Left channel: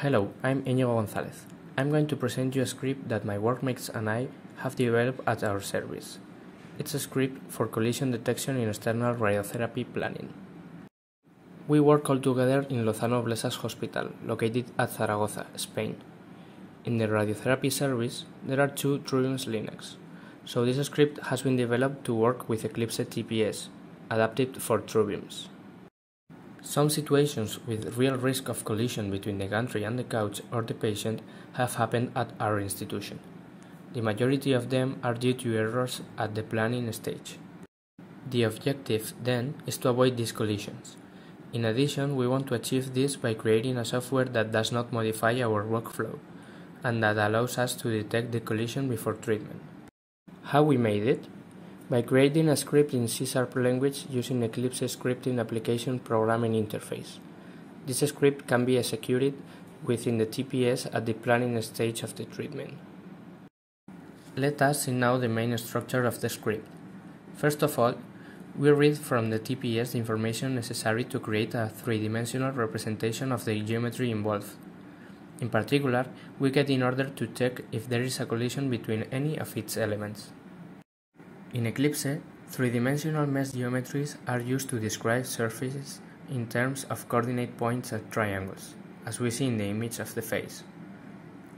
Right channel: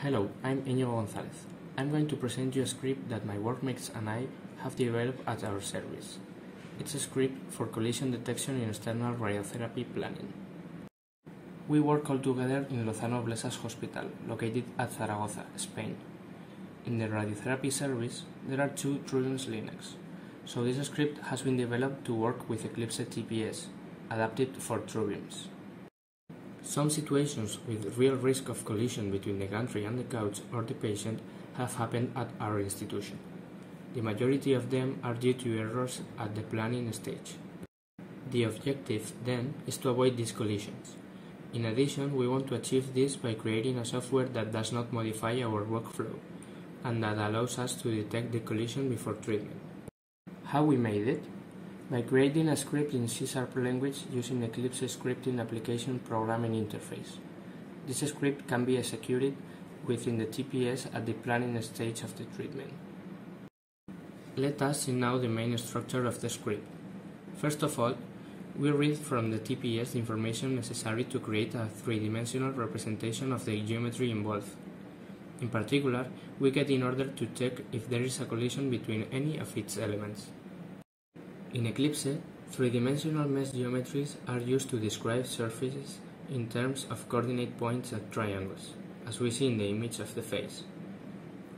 Hello, I'm Iñigo González. I'm going to present you a script that my workmates and I have developed at our service. It's a script for collision detection in external radiotherapy planning. We work all together in Lozano Blesas Hospital, located at Zaragoza, Spain. In the radiotherapy service, there are two Triumphs Linux, so this script has been developed to work with Eclipse TPS, adapted for Triumphs. Some situations with real risk of collision between the gantry and the couch or the patient have happened at our institution. The majority of them are due to errors at the planning stage. The objective, then, is to avoid these collisions. In addition, we want to achieve this by creating a software that does not modify our workflow, and that allows us to detect the collision before treatment. How we made it? By creating a script in C# language using Eclipse scripting application programming interface. This script can be executed within the TPS at the planning stage of the treatment. Let us see now the main structure of the script. First of all, we read from the TPS the information necessary to create a three-dimensional representation of the geometry involved. In particular, we get in order to check if there is a collision between any of its elements. In Eclipse, three-dimensional mesh geometries are used to describe surfaces in terms of coordinate points at triangles, as we see in the image of the face.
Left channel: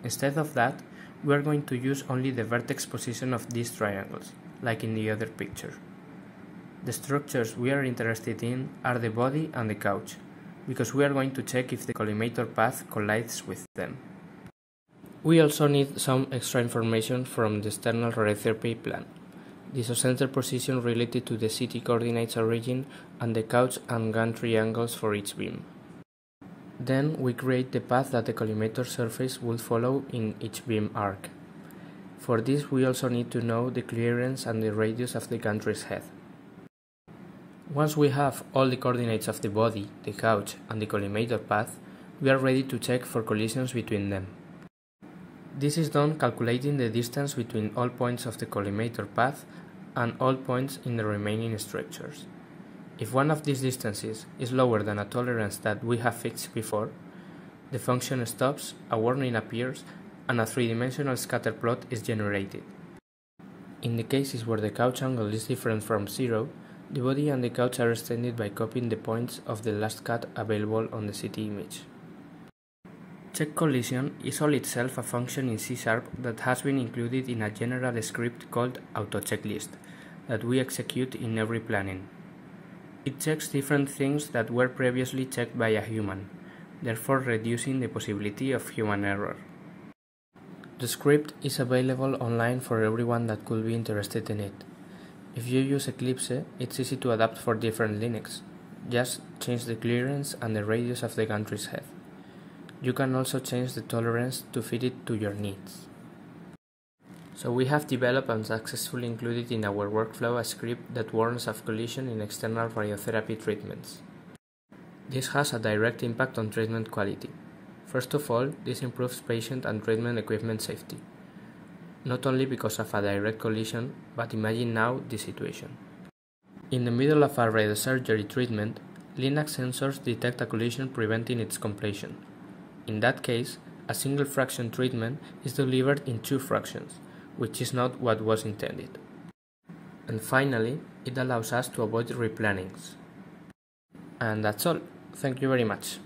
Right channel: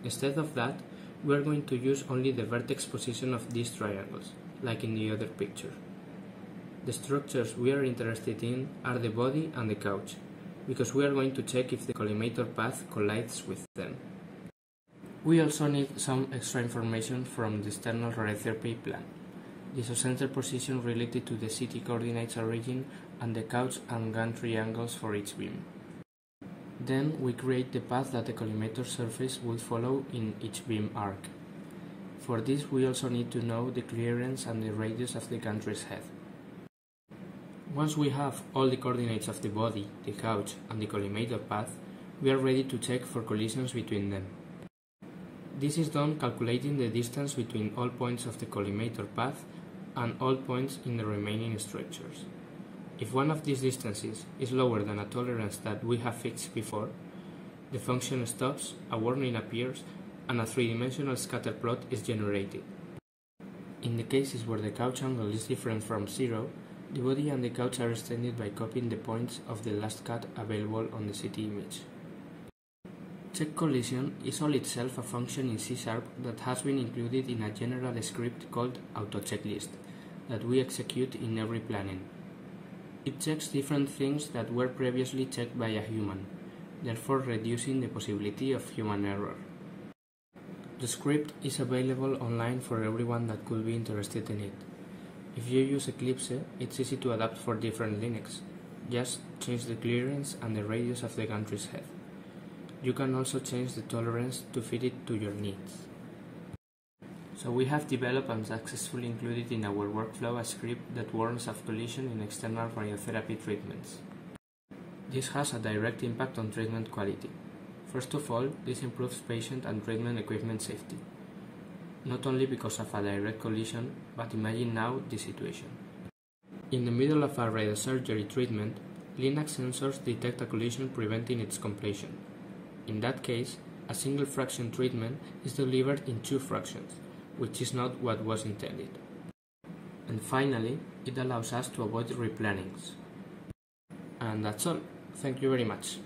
Instead of that, we are going to use only the vertex position of these triangles, like in the other picture. The structures we are interested in are the body and the couch, because we are going to check if the collimator path collides with them. We also need some extra information from the external radiotherapy plan. The isocenter position related to the CT coordinates origin and the couch and gantry angles for each beam. Then we create the path that the collimator surface will follow in each beam arc. For this we also need to know the clearance and the radius of the gantry's head. Once we have all the coordinates of the body, the couch and the collimator path, we are ready to check for collisions between them. This is done calculating the distance between all points of the collimator path and all points in the remaining structures. If one of these distances is lower than a tolerance that we have fixed before, the function stops, a warning appears, and a three-dimensional scatter plot is generated. In the cases where the couch angle is different from 0, the body and the couch are extended by copying the points of the last cut available on the CT image. Check collision is all itself a function in C# that has been included in a general script called autochecklist that we execute in every planning. It checks different things that were previously checked by a human, therefore reducing the possibility of human error. The script is available online for everyone that could be interested in it. If you use Eclipse, it's easy to adapt for different Linux. Just change the clearance and the radius of the gantry's head. You can also change the tolerance to fit it to your needs. So we have developed and successfully included in our workflow a script that warns of collision in external radiotherapy treatments. This has a direct impact on treatment quality. First of all, this improves patient and treatment equipment safety. Not only because of a direct collision, but imagine now this situation. In the middle of a radiosurgery treatment, Linux sensors detect a collision preventing its completion. In that case, a single fraction treatment is delivered in two fractions, which is not what was intended. And finally, it allows us to avoid replannings. And that's all. Thank you very much.